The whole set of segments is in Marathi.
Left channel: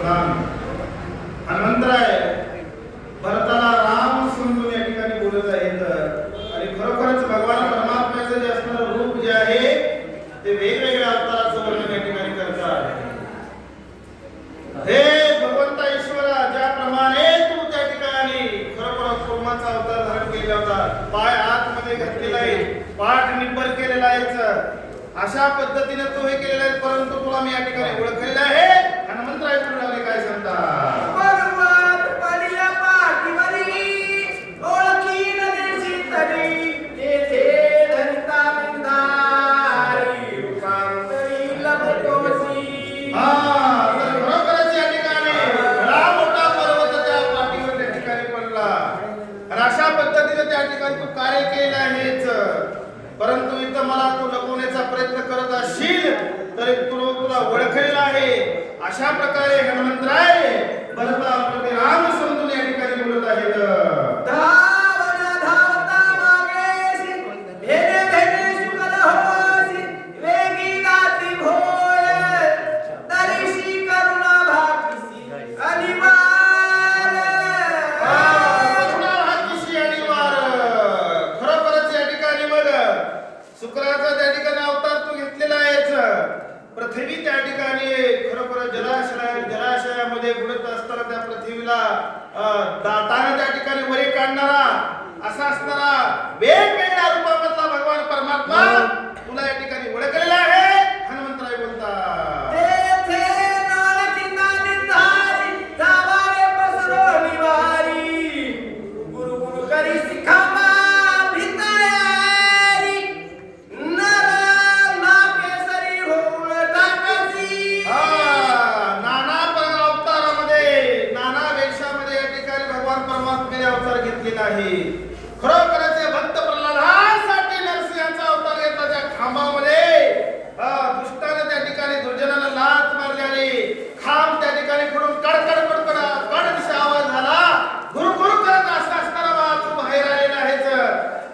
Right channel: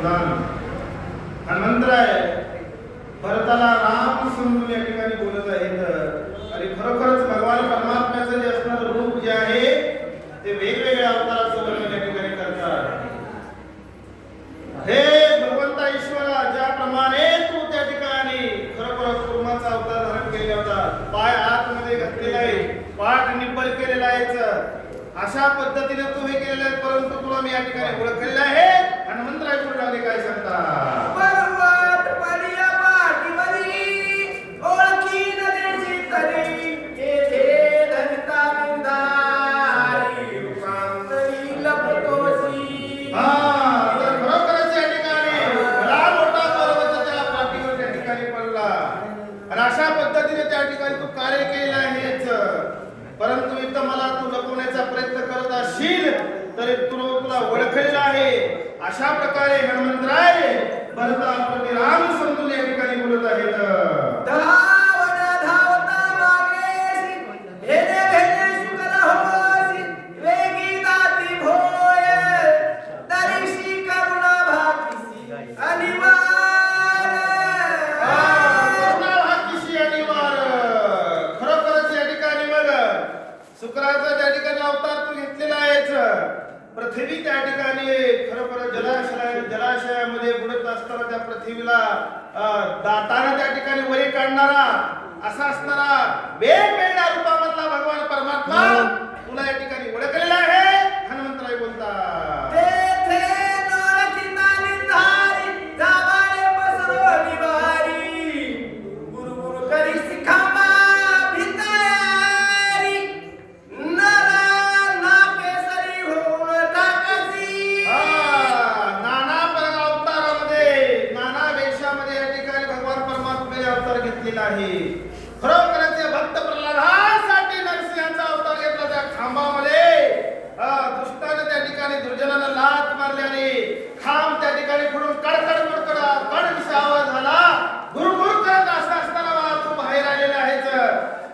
अनुसंधान हनुमंतराय भरताला राम समजून या ठिकाणी बोलत आहेत आणि खरोखरच भगवान परमात्म्याचं जे असणारं रूप जे आहे ते वेगवेगळ्या अवताराचं वर्णन या ठिकाणी करतात. हे भगवंता ईश्वरा, ज्याप्रमाणे तू त्या ठिकाणी खरोखर कुर्माचा अवतार धारण केला होता, पाय आतमध्ये घातलेला आहे, पाठ निब्बर केलेला आहे, अशा पद्धतीने तू हे केलेलं आहे. परंतु तुला मी या ठिकाणी ओळखलेलं आहे. हनुमंतराय पुढे काय सांगतात? अशा पद्धतीने त्या ठिकाणी तू कार्य केलेलं आहेच. परंतु इथं मला तू लपवण्याचा प्रयत्न करत असशील तरी तुला ओळखलेलं आहे. अशा प्रकारे हनुमंतराय भरता प्रति राम समजून या ठिकाणी बोलत आहेत. शुक्राचा त्या ठिकाणी अवतार तू घेतलेला आहेच. पृथ्वी त्या ठिकाणी खरोखर जलाशयामध्ये बुडत असताना त्या पृथ्वीला दाताने त्या ठिकाणी वरी काढणारा असा असणारा वेगवेगळ्या रूपामधला भगवान परमात्मा तुला या ठिकाणी ओळखलेला आहे. हनुमंतराय बोलतात आहे. खरोखरच भक्त प्रल्हादासाठी नरसिंहाचा अवतार घेतला. त्या खांबामध्ये दुष्टाने त्या ठिकाणी दुर्जनाला लाथ मारल्याने खांब त्या ठिकाणी पडून कडकड आवाज झाला. गुरुगुरु करत असताना तू बाहेर आलेला आहेच.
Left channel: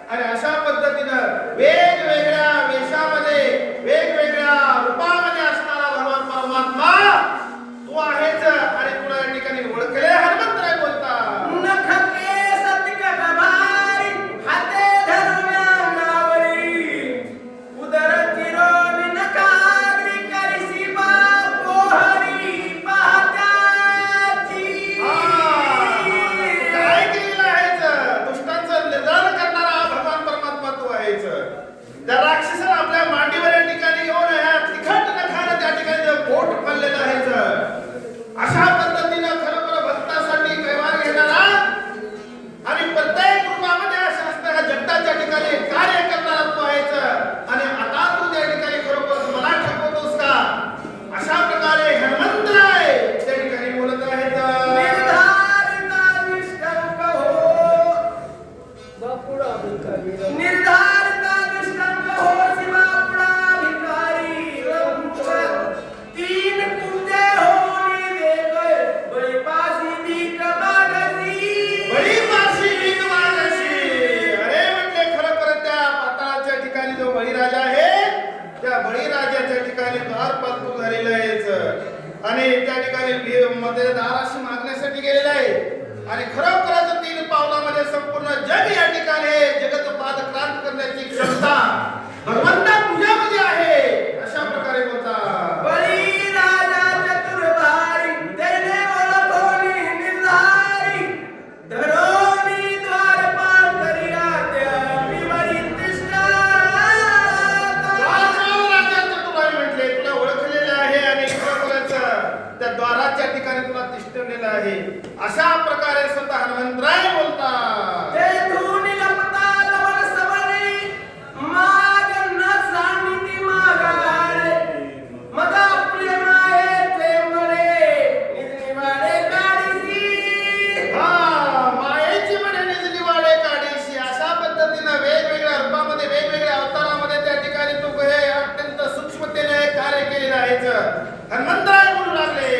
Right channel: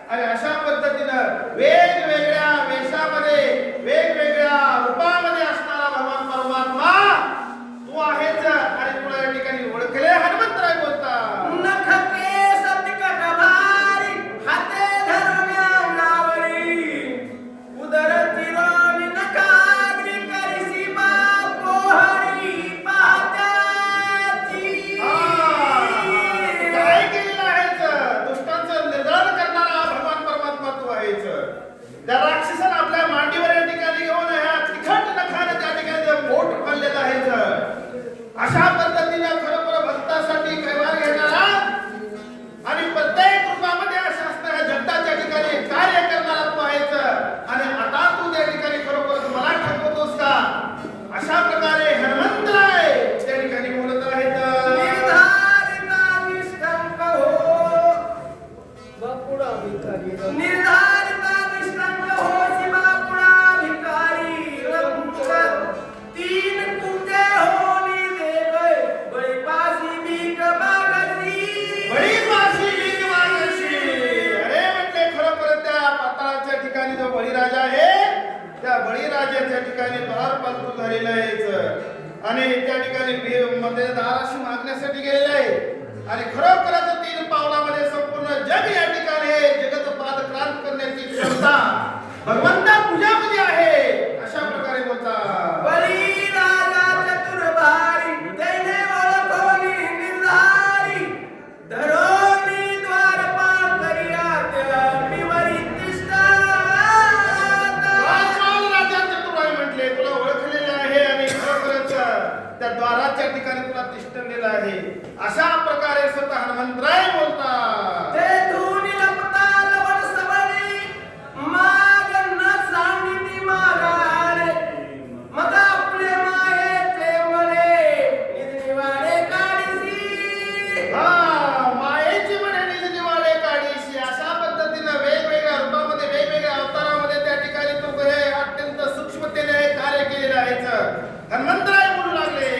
आणि अशा पद्धतीनं वेगवेगळ्या वेशामध्ये वेगवेगळ्या रूपामध्ये असणारा भगवान परमात्मा तू आहेच. आणि तुला या ठिकाणी ओळखले. हनुमंतराय बोलता त्या राक्षसाला आपल्या मांडीवर या ठिकाणी येऊन तिखट नखाने त्या ठिकाणी पोट फळलेलं आहे. अशा पद्धतीनं खरोखर भक्तासाठी व्यवहार घेणारा आणि प्रत्येक रूपामध्ये अशा असणाऱ्या जगताच्या ठिकाणी कार्य करणारा तू आहेस. आणि आता तू त्या ठिकाणी खरोखर मला ठेवतोस का? अशा प्रकारे हनुमंतराय त्या ठिकाणी बोलत आहेत. बळीराजा आहे, त्या बळीराजाच्या ठिकाणी द्वारपाल तू झालेला आहेस. आणि त्या ठिकाणी मध्ये दाराशी मागण्यासाठी गेलेला आहे. आणि खरोखरच 3 पावलामध्ये संपूर्ण जग या ठिकाणी जगत पादक्रांत करण्याची क्षमता भगवंता तुझ्यामध्ये आहे. अशा प्रकारे बोलतात बळीराजा चतुर्भारी त्याने ओळखोनी निर्धारी धरोनी द्वारपाल करिया त्या विवरी तिष्ठा. राजा चतुर्भारी म्हटले तुला ओळखलेले आहे आणि खरोखरच त्या द्वाराच्या ठिकाणी तुला तिष्ठलेलं आहे. अशा प्रकारे स्वतः हनुमंतराय बोलतात. वेगवेगळ्या रूपामध्ये वेगवेगळ्या अवतारामध्ये त्या ठिकाणी तू हे अत्यंत सूक्ष्मतेने कार्य केलेलं आहे. हनुमंतराय बोलू लागले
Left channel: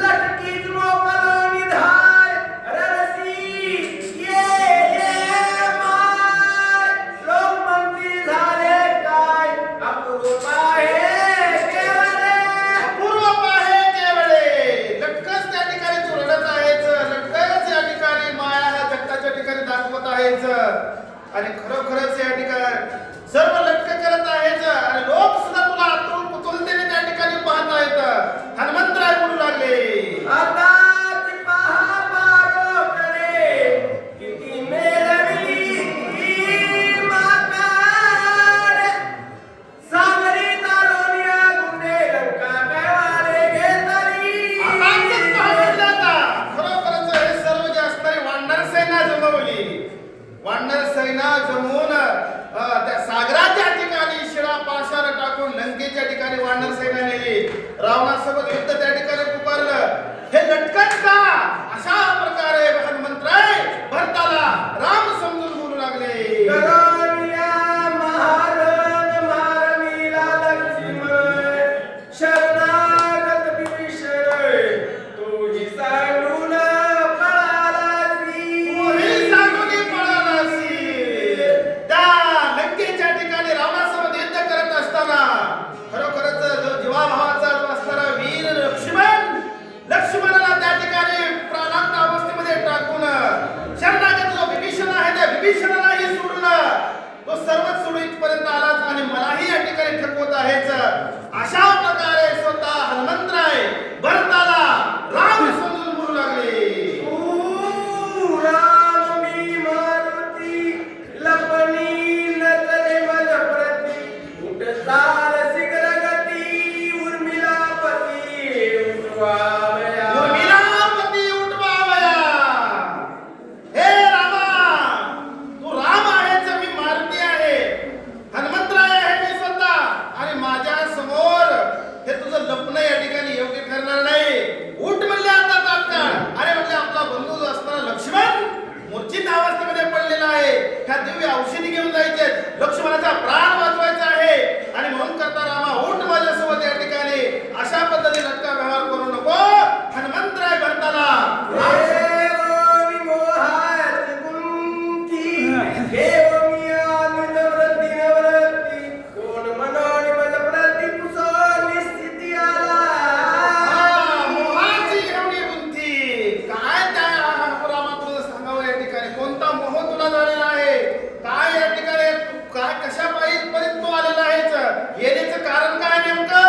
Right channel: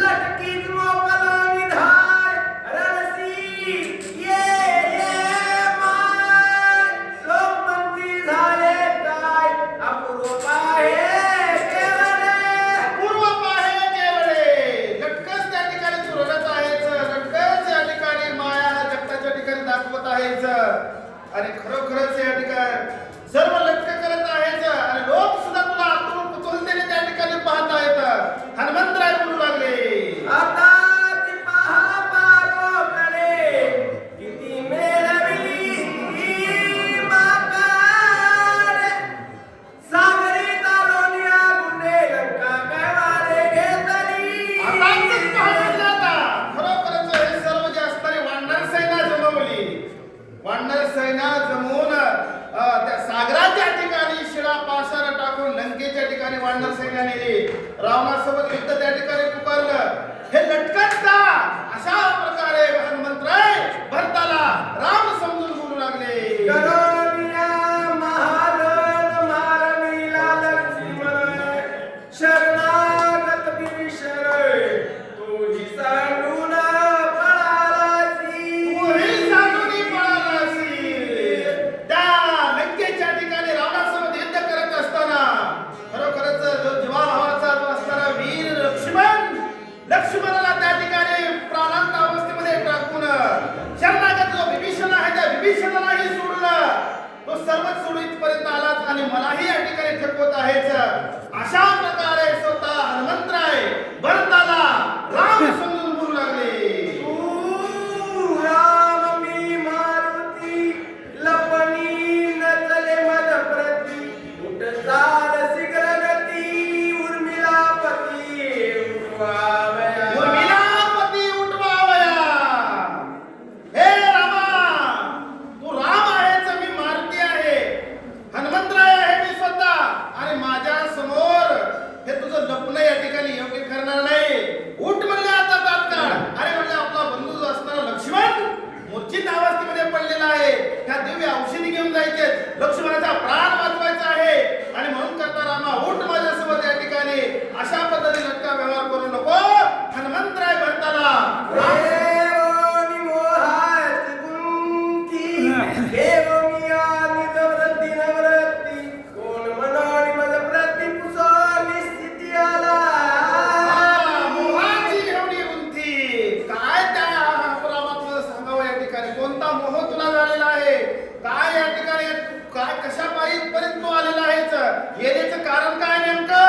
लटकीत मोकलो निधार ररसी ये आहेच आणि खरोखरच या ठिकाणी सर्व लटक करत आहेच आणि लोक सुद्धा तुला आतून कुतूहलतेने त्या ठिकाणी पाहत आहेत. हनुमंतराय बोलू लागले, आता ती पहा पारोकडे किती मेळविली माकाड. सागरी तारुण्या गुंडे लंका कैवारे घेतली. आताच पाहिलं आता खरोखरच हे सर्व जे असणारी वानर सेना जमवली. वानर सेना जमवून त्या सागराच्या ठिकाणी शिळा पाषाण टाकून लंकेच्या ठिकाणी वानर सेना नेली. रावणासोबत युद्ध त्या ठिकाणी पुकारलं. हे लटकत का? अशा प्रकारे हनुमंतराय भरताला राम समजून बोलू लागले. करोनिया महारण मारणीला लक्ष्मण शरणागत विभीषण तूही सांगून पळालासी. तूही सांगून पळालासी. त्या लंकेच्या ठिकाणी रावणासोबत युद्ध करत असताना खरोखरच जो जीवाभावाचा जो असणारा वीर लक्ष्मणाला त्या ठिकाणी प्राणांत अवस्थेमध्ये टाकून शरणागत जो विभीषण आहे त्या विभीषणालाही सोडून तो सर्वच सोडून इथपर्यंत आलाच आणि मलाही या ठिकाणी ठेवत आहेच. अशा प्रकारे स्वतः हनुमंतराय भरताला राम समजून बोलू लागले. तू राम मी मारुती लपणी नचले मन प्रती उठ चाल शीघ्र गती उर्मिलापती उठवावया. उर्मिलापती उठवावया. हे रामा, तू राम आहेस, मी मारुती आहे, हनुमंतराय आहे मी स्वतः आणि माझ्या समोर हे तुझं लपणं या ठिकाणी योग्य ठरणार नाही. उठ म्हणले आता तात्काळ. अरे म्हणले आपला बंधू जो असणारा लक्ष्मण मूर्छित अवस्थेमध्ये पडलेला आहे. ह्या दिव्य औषधी घेऊन जायचे, लक्ष्मणाचा प्राण वाचवायचा आहे आणि म्हणून करता रामा उठ माझ्यासोबत या ठिकाणी. अशा पद्धतीने लटका व्यवहार करू नको. हनुमंतराय भरताला कोणता मोह तुला झालेला आहे? काय या ठिकाणी काय कशा पर्यंत तू आलेला आहेस? येण्याचं कारण काय नेमकं?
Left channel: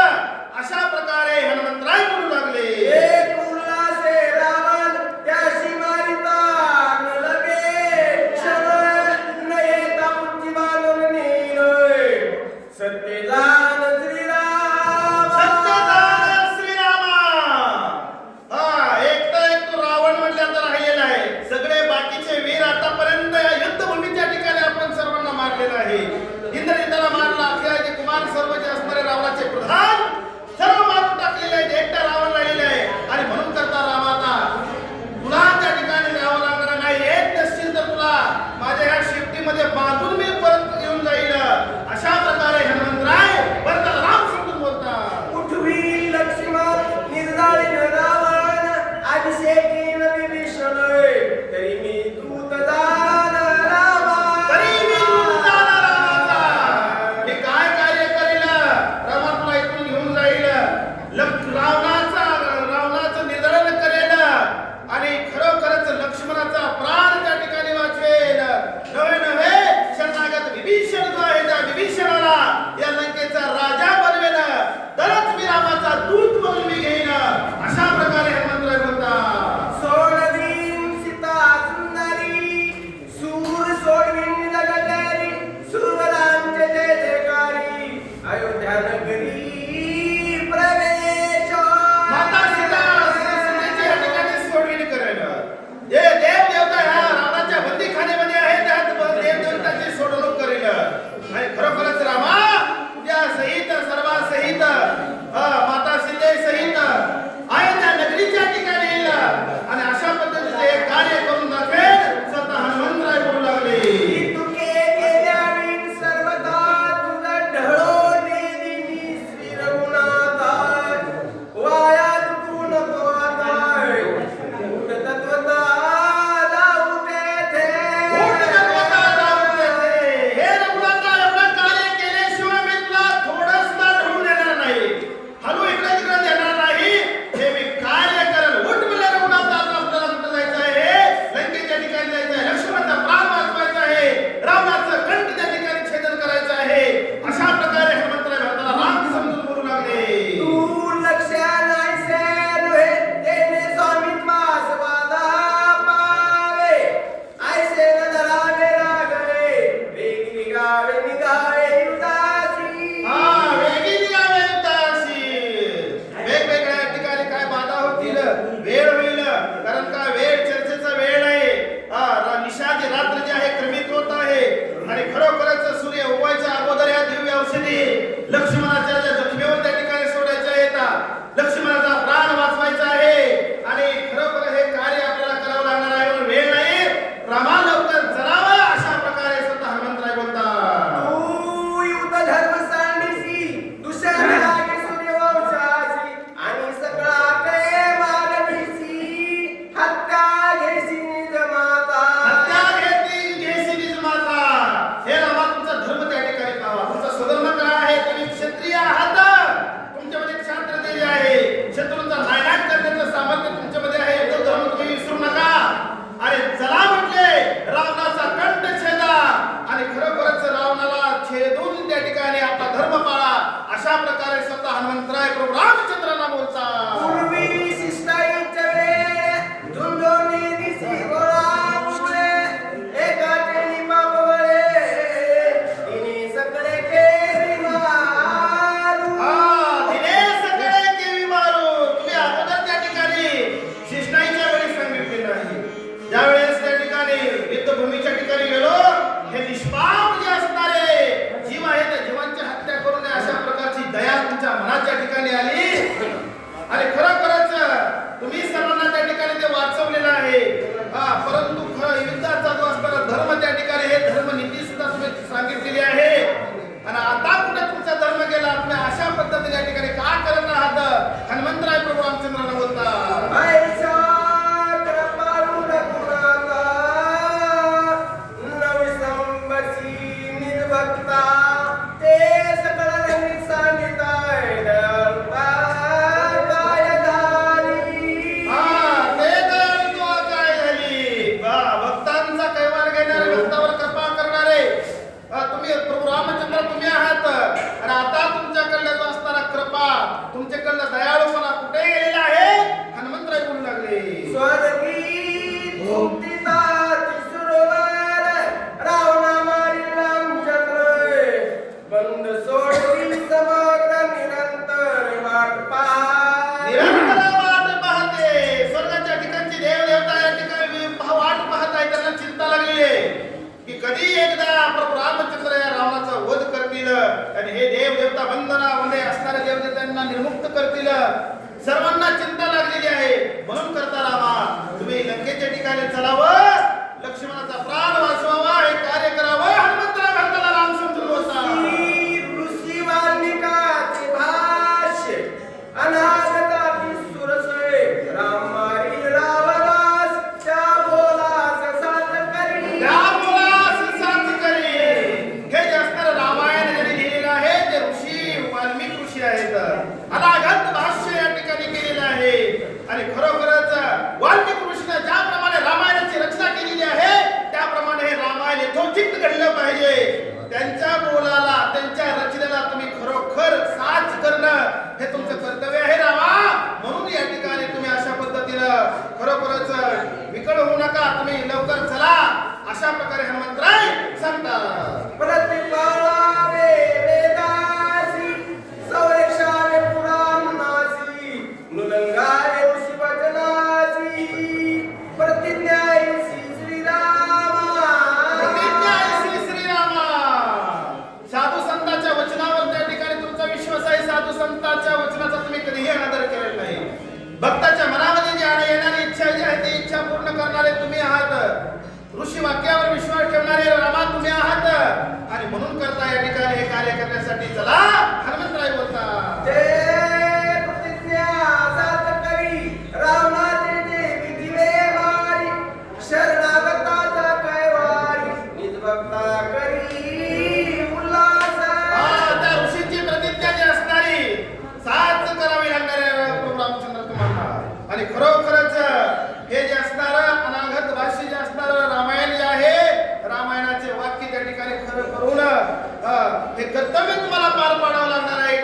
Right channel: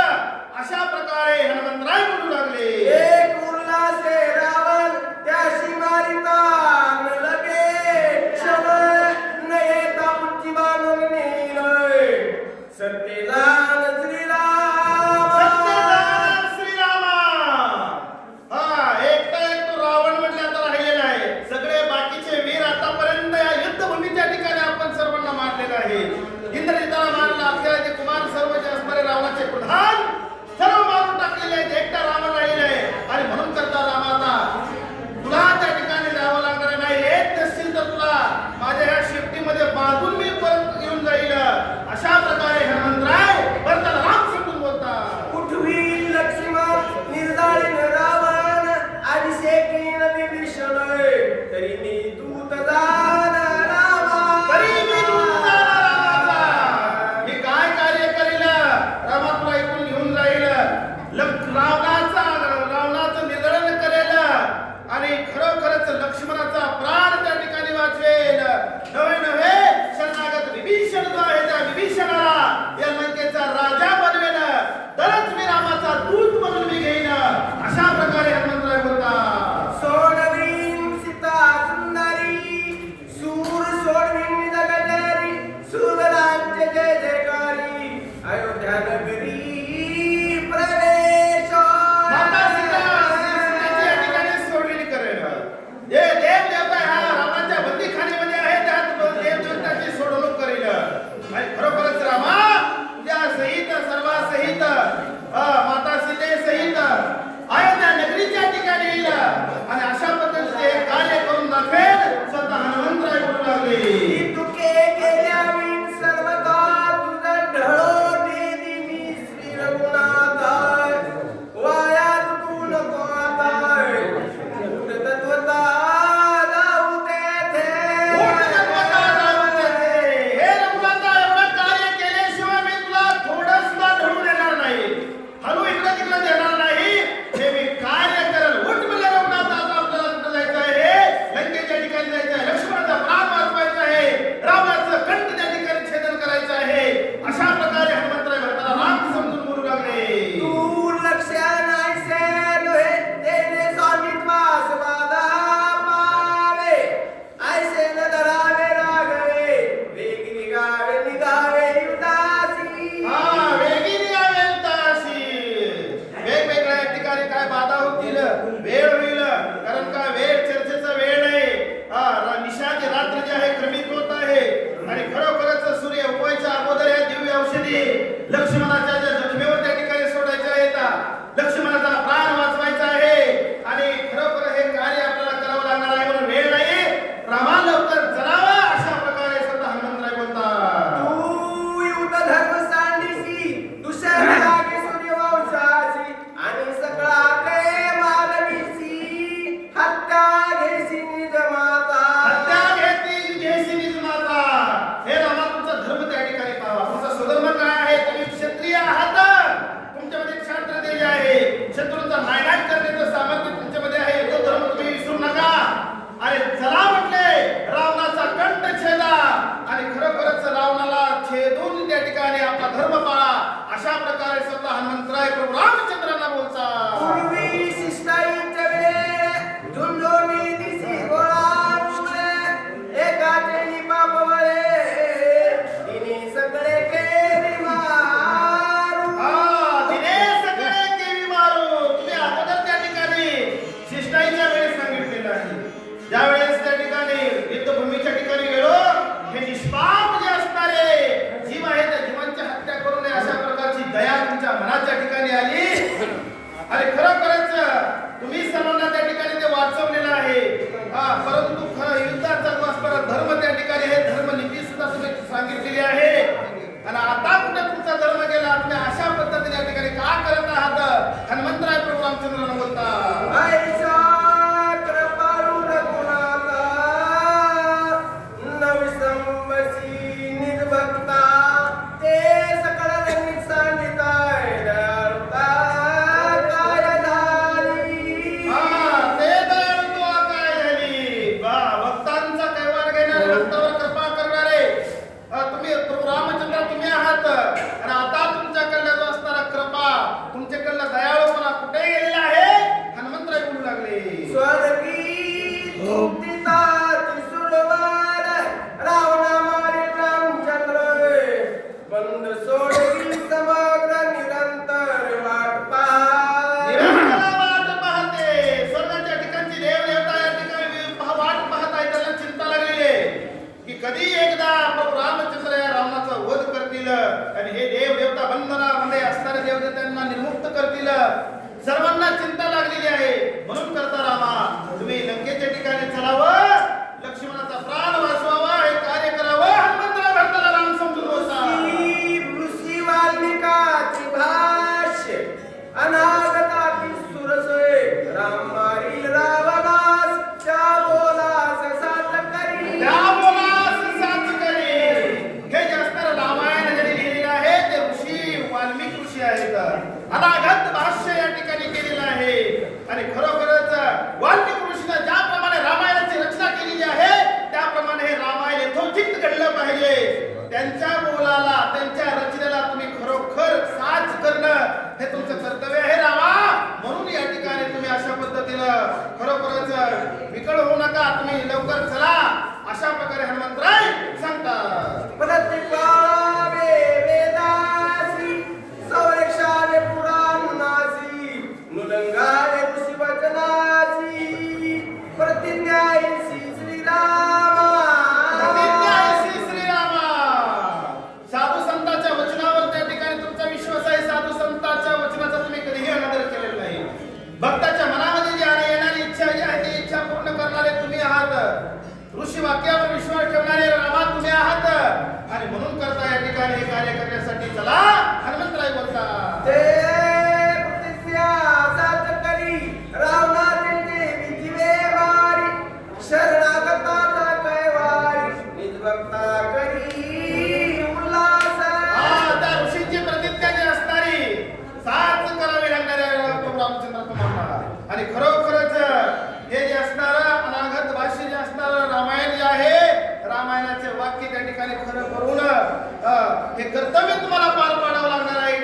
अशा प्रकारे हनुमंतराय बोलू लागले. एक उल्हासे रावण त्याशी मारिता न लगे क्षण न येता पुढची बांधून नेईल. सत्यजान श्रीराम सत्यजान श्रीरामा. एक तर एक तो रावण म्हटलं आता राहिलेला आहे. सगळे बाकीचे वीर आतापर्यंत या युद्धभूमीच्या ठिकाणी आपण सर्वांना मारलेलं आहे. इंद्रजिताला मारला, अक्षयाचे कुमार सर्व जे असणारे रावणाचे प्रधान सर्व मारून टाकलेले आहेत. एकटा रावण राहिलेला आहे आणि म्हणून करता रामाता तुला त्या ठिकाणी जावं लागणार नाही. येत नसतील तर तुला माझ्या ह्या शेपटीमध्ये बांधून मी परत येऊन जाईल. अशा प्रकारे हनुमंतराय भरताला राम समजून बोलतात. उठवी लक्ष्मण निर्जाळीन रावण अभिषेकीन विभीषण तरी मी दूत जाण रामा. तरी मी दूत जाण रामाचा. हे काय कार्य करील? रामा तुला इथून घेऊन जाईल. रावणाचं निधन करेल आणि खरोखरच लक्ष्मणाचा प्राण त्या ठिकाणी वाचवेल. नव्हे नव्हे शरणागत विभीषण जो आहे त्या विभीषणाला या लंकेचा राजा बनवेल. तरच मी रामाचा दूत म्हणून मी घेईन. अशा प्रकारे हनुमंतराय म्हणतात. सोडवीन सीता होतील वेळ होईल, कारण का वेळ चर्चेचा वेळ नाही. निशाची रात्र जी आहे क्रमित होत आहे आणि खरोखरच सूर्य उगवायच्या अगोदर या दिव्य औषधी लक्ष्मणाच्या ज्या जखमेवर त्या ठिकाणी सोडायच्या आहेत, लक्ष्मणाचा प्राण वाचवायचा आहे आणि खरोखर हे कार्य आपल्याला करावं लागणार आहे. म्हणून वेळ नाही, रामा लवकर चलावा, अशा प्रकारे स्वतः हनुमंतराय बोलतात. तू युद्ध धर्म सांडिसी दुसऱ्या लागे सूर्यवंशाची आणि सगळा ते मागणीसी हत्या घेसी निज माता. हत्या घेसी निज माता. हे रामा, तुमचा धर्म त्या ठिकाणी पाहावा. तुमचा सुधर्म काय आहे? तुम्ही क्षत्रिय आहात, तुमच्यामध्ये क्षात्र देश आहे, शत्रूंचा नायनाट करण्याचं सामर्थ्य तुमच्यामध्ये आहे. तो धर्म तुम्ही विसरू नका. अरे चला म्हटले, रावणाचा कंठ छेदा आणि खरोखरच रावणाला छेदून त्या ठिकाणी आपला धर्म पाळा, अशा प्रकारे स्वतः हनुमंतराय प्रभू रामचंद्रांना बोलतात. पूर्वी शिष्टाईच्या वेळे झुंजोनी दिसी गोळामुळे एका केली बापवळे तिने सगळे केली मारू. तिने सगळे केली मारू. तुम्ही अगोदर त्या ठिकाणी शिष्टाईच्या वेळेस सांगितलेलं आहे. ज्यावेळेस त्या ठिकाणी युद्धभूमीच्या ठिकाणी गेलो, हे निष्पाप जे असणारे जीव आहे त्या जीवांची हत्या करू नये, अशा प्रकारची दया तुमच्या मनाच्या ठिकाणी आली आणि खरोखरच तुम्ही सर्वांना त्या ठिकाणी ते वाचवलेलं आहे. परंतु युद्धाचा जो असणारा धर्म त्या ठिकाणी हे धर्मनीती सुद्धा तुम्ही सांगितलेली आहे आणि आता कुठे तुमचा धर्म गेला? तुम्ही अशा पद्धतीने या ठिकाणी का करत आहात? हनुमंतराय प्रभू रामचंद्रांना बोलतात. ऐसा कृपाळू रघुनाथा नवसंवसी निर्भक्ता ते सकळ रंगीत सांगिताय दयाळुता कायधारी. ते दयाळुता काय झाली? भक्तांचा कैवार घेणारे, भक्तावर कृपा करणारे तुम्ही प्रभू रामचंद्र तुम्ही आहात आणि आता तुमच्याकडला जो असणारा कृपा, तुमच्याकडला दयाळूपणा कुठे गेलेला आहे? हनुमंतराय बोलू लागले. स्वर्गी मुक्तिदाती सुरवार रावणा मारिला जगले बंद सोडली समग्र निरंतर वाट पहा. निरंतर वाट पाहते. स्वर्गाच्या ठिकाणची देव देवता या ठिकाणी वाट पाहत आहे. त्यांना चिंता लागलेली आहे की कधी एकदा प्रभू रामचंद्र या रावणाचा वध करतील आणि हे देव देवता बंधनामध्ये असणाऱ्या देवदेवतांना निर्मुक्त करतील. सर्वांना चिंता लागलेली आहे. म्हणून करता रामा, तुम्ही लंकेच्या ठिकाणी चलावं, लक्ष्मणाचा प्राण वाचवावा, हे कार्य करावं. हनुमंतराय भक्ताला राम समजून बोलतात. ऋषी वाल्मिकाची भाष्य अनाथकाची सुरसोय राम मारी रावणास त्या बोलास साथ करी. त्या बोलास साथ करी. हे जे असणारं रामायण ज्यांनी लिहिलेलं आहे ते ऋषी वाल्मिक ऋषी आहेत. अनागत भाष्य या ठिकाणी केलेलं आहे आणि खरोखरच वाल्मिक ऋषीने ज्याप्रमाणे रामायणाची रचना केलेली आहे त्याप्रमाणे हे रामायण यथोचित घडलं पाहिजे. त्यांच्या बोलाला, त्यांच्या रचनेला तुम्ही खरोखर साथ करणं हे तुमचं कर्तव्य आहे रामा. म्हणून या ठिकाणी तुम्ही अशा पद्धतीनं खरोखरच विकळ होऊ नका, तुम्ही लवकर चला, अशा प्रकारे हनुमंतराय सांगतात. प्रतिपाळावे वेदासी संरक्षावे पुराणासी नुलंगावे ऋषी वचनासी प्रतिज्ञायसी श्रीरामा. प्रतिज्ञायसी श्रीरामा. साधू संतांच्या वचनावर त्या ठिकाणी तुमचा विश्वास आहे. साधू संतांच्या वचनाचा तुम्ही कधीही अनादर केलेला नाही. भक्ताच्या मनामध्ये जी येणारी इच्छा जी आहे ती इच्छा पूर्ण करणारे तुम्ही आहात. ऋषी वाक्यावर विश्वास ठेवणारे रामा तुम्ही आहात आणि म्हणून करता या ठिकाणी हे कार्य करण्यासाठी चला. हनुमंतराय बोलतात. ते प्रतिज्ञा साथ करी रावणाचे देवी दिवे मारी शरणागताचा कैवारी निर्भक्ता करी उल्हास. त्या ऋषींची प्रतिज्ञा जी असणारी साथ करावी लागणारे प्रभू रामचंद्र तुम्हाला आणि खरोखरच हे जे असणारं अनागत भाष्य जे असणारं रामायण जे आहे, रामायणाचे वाक्य त्या ठिकाणी खरं करून हे कर्तव्य तुम्हाला पार पाडावं लागणार आहे.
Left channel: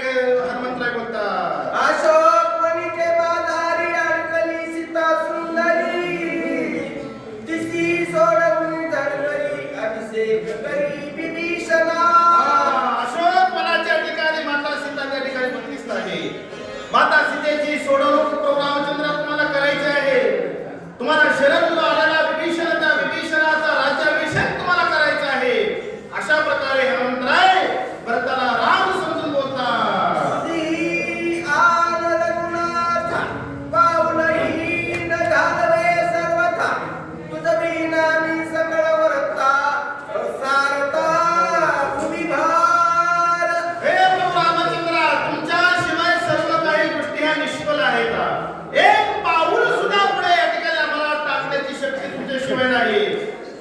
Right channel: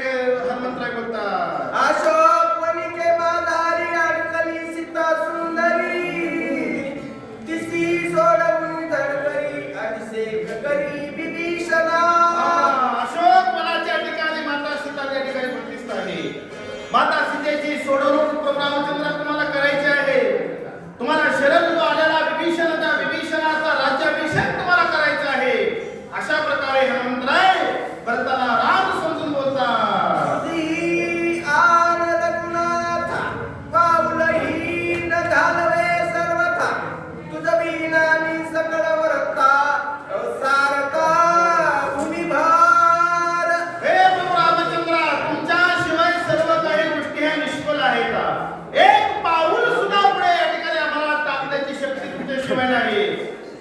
हनुमंतराय बोलतात. अशोक वनिके बाजारी अडकली सीता सुंदरी तिसी सोडवून धडकली अभिषेक करी विभीषणा. अशोक वनाच्या ठिकाणी माता सीता त्या ठिकाणी बघतीस आहे. माता सीतेची सोडवणूक प्रभू रामचंद्र तुम्हाला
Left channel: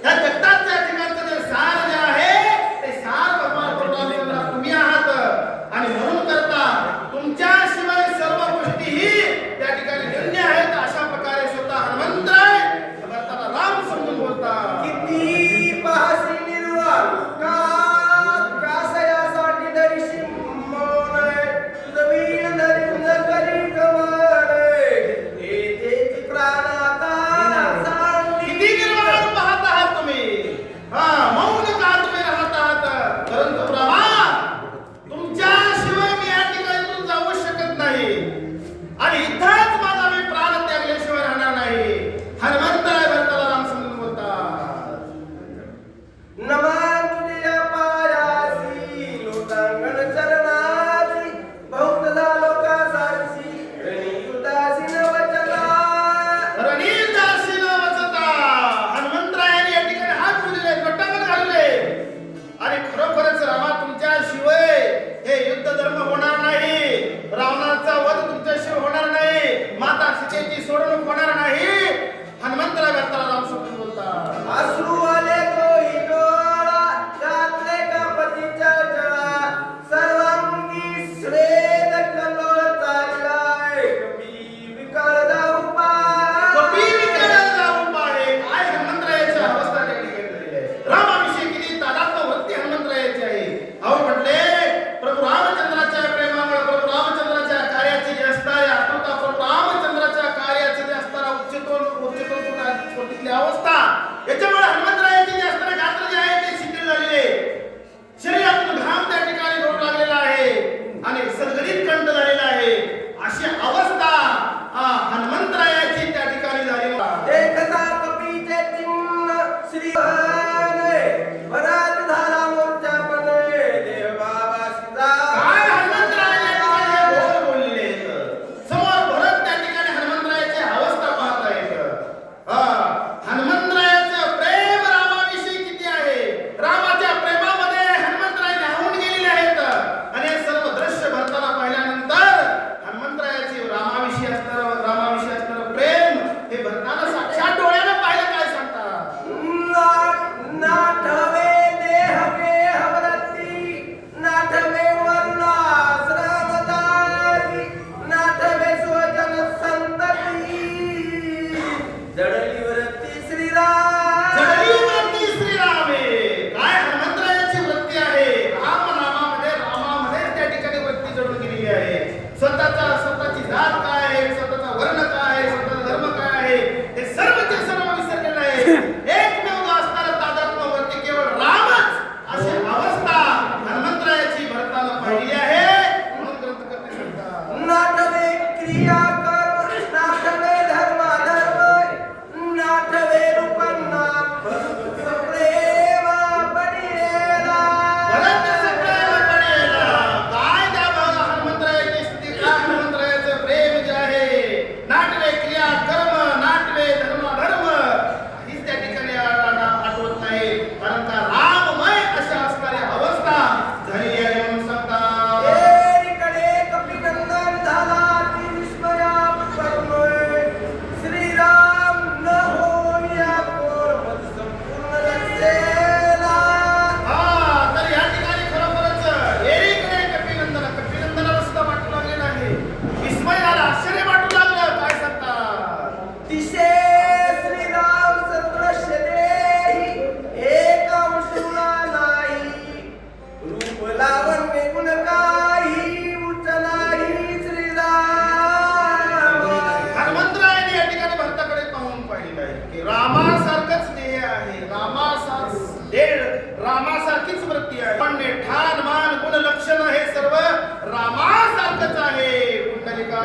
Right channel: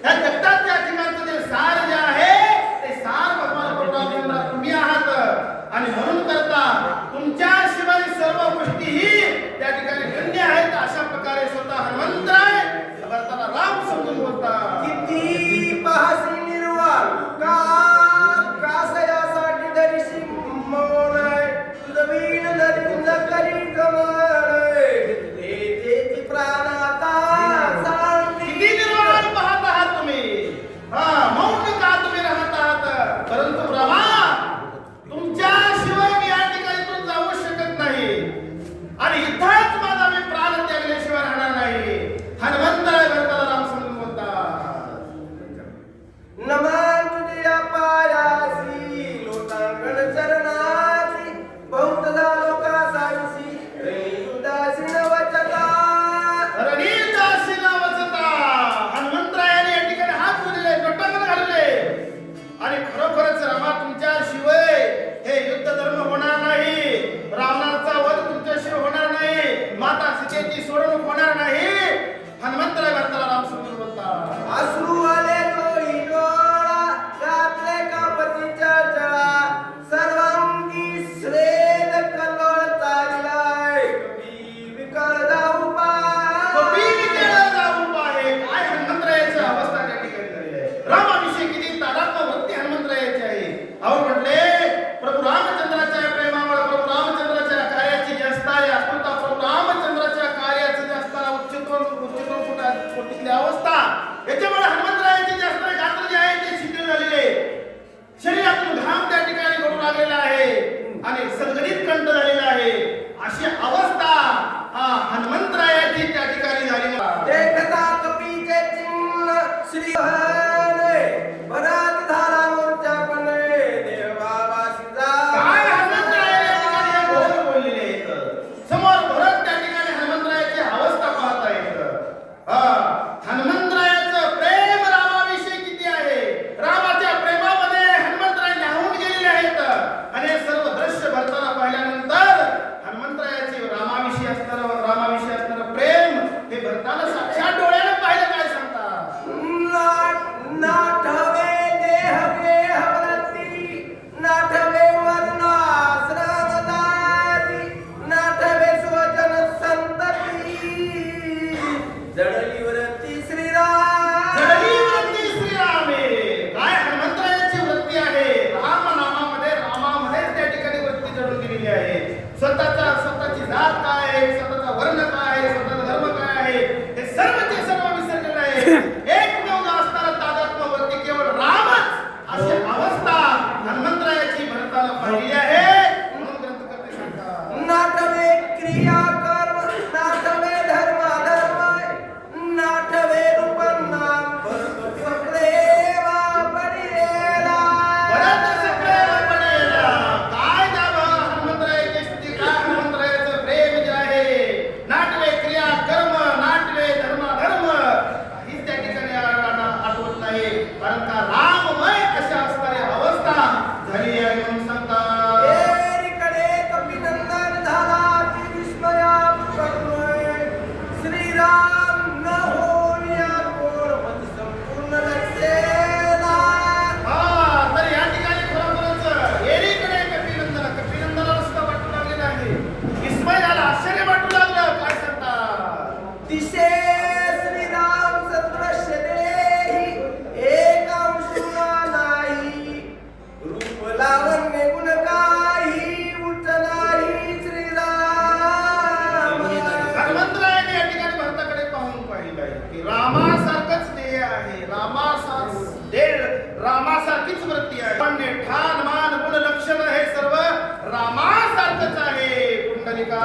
ह्या जगताच्या ठिकाणचं जे सार जे आहे ते सार भगवान प्रभू रामचंद्र तुम्ही आहात. आणि म्हणून करता तुमच्याशिवाय सर्व गोष्टीही त्या ठिकाणी शून्य आहेत. अशा प्रकारे स्वतः हनुमंतराय भरताला राम समजून बोलतात. किती पाहसी निर्वाळ कासयासाठी दर्शी मौन तुझं वीण नदी न करी कमाल हे तेची प्राणाता सांगती. किती निर्वाळ पाहत आहात तुम्ही. मौन का तुम्ही राहत आहात. परंतु ब्रह्मा तुमच्याशिवाय मी या ठिकाणी जाऊ शकत नाही आणि इथंच माझा मी प्राण त्यागल्याशिवाय राहणार नाही. हनुमंतराय भरताला राम समजून बोलतात. नमन तुझ्या पायासी लोटांगण चरणाची बहुत लोकांसारखी रणीदासी नवचला रणीदासी नावाचा हनुमंतरायाने या ठिकाणी हात जोडले लोटांगण घालले आणि खरोखरच रामा तुमच्याशिवाय हे युद्ध धर्म होणार नाही. रावणाचा वध तुमच्याशिवाय होणार नाही. माता सीतेची सोडवणूक होणार नाही. हनुमंतराय भरताला राम समजून बोलतात. अश्रू आले डोळी डोळा घातले कापतीच्या जळा सर्वांगी श्वेत कल्लोळ चाललाय कपी विकळ जाऊ कपी विकळ जाऊ पाहे. काय हनुमंतरायाची अवस्था त्या ठिकाणी झालेली आहे. रामाविषयी किती तादात्म्य वृत्ती हनुमंतरायाची आहे. अहो म्हटले प्रभू रामचंद्राच्या प्रेमामुळे प्रभू रामचंद्राच्या कार्याची जी असणारी आतुरता प्रभू रामचंद्राच्या कार्याची जी असणारा उच्चतोन कोटीतली अवस्था याच्यामुळे हनुमंतरायाची जी असणारे गात्र जे आहे ते शिथिल झालेले शरीरातून घाम त्या ठिकाणी गळू लागलेला आहे आणि सदगणित कंठ झालेला आहे. अशी अवस्था हनुमंतरायाची त्या ठिकाणी झाली. देखता कपीचे चिन्ह श्री भरात झाला मोर्चा पण देव बाबा शिजा काय हनुमंतरायाने या ठिकाणी बोल बोललेले आहेत. समोर भरत त्या ठिकाणी हनुमंतरायाची अवस्था पाहता येतं. हनुमंतरायाचं प्रेम रामाविषयी किती आहे. रामाच्या प्रेमामध्ये हनुमंतराय न्हावून गेलेले आहेत आणि हे सर्व दृश्य भरताना पाहिल्यानंतर हनुमंतरायाची रामाविषयी असणारं प्रेम हे भरताना साक्षात डोळ्यानं पाहिलं. काय सांगतात. नाठवे देह देहवरती नाठवे वर्णाश्रमदारी नाठवे स्वजन संतती जडलीवरती श्रीराम जडलीवरती श्रीरामे. काय हनुमंतरायाची वृत्ती आहे. रामामध्ये त्या ठिकाणी वृत्ती जडून गेलेली आहे. स्वतःची जात काय आहे, स्वतःचा वर्ण काय आहे, स्वतःचा धर्म काय आहे हे सर्वचे सर्व विसरलेलं आहे. एकमेव असणारं तादात्म्य वृत्ती केवळ रामच अशी अवस्था हनुमंतरायाची भरताना पाहिली आहे. म्हणून ग्रंथकर्ते सांगतात. नाठवे क्रिया कर्म नाठवे धर्म अधर्म नाठवे रूप नाम प्रेम पडेला बरंच प्रेम पडेला. काय दाबा हनुमंतरायाची स्थिती. काय हनुमंतरायाचं प्रेम जे आहे. नाटवे क्रिया कर्म नाटवे धर्म धर्म काहीच त्या ठिकाणी आठवत नाही. कारण का राममय अशा असणारी अवस्था झालेली आहे. म्हणून सांगतात. एकीकडे कपिनंदन झाला ती विस्मया प्रगमय श्रीराम न होऊन या कोर मज संपूर्ण लक्षेला तर या ठिकाणी खरोखरच एकीकडे कपिनंदनाला सुद्धा वाटू लागलेलं आहे. विस्मय झाला. आश्चर्य वाटू लागलं. काय सांगतात. दिशे श्रीराम सदृश्य देही एक अंशुला नाही रूप लावण्य गुण काही उचलाही श्रीराम हनुमंतरायाने या ठिकाणी भरताकडे पाहून पाहिलेलं आहे की रामासारखंच ध्येय आहे. रामासारखीच वृत्ती आहे. पण ठाण मान गुण लक्षण हे सर्व रामासारखंच आहे. कुंडलिका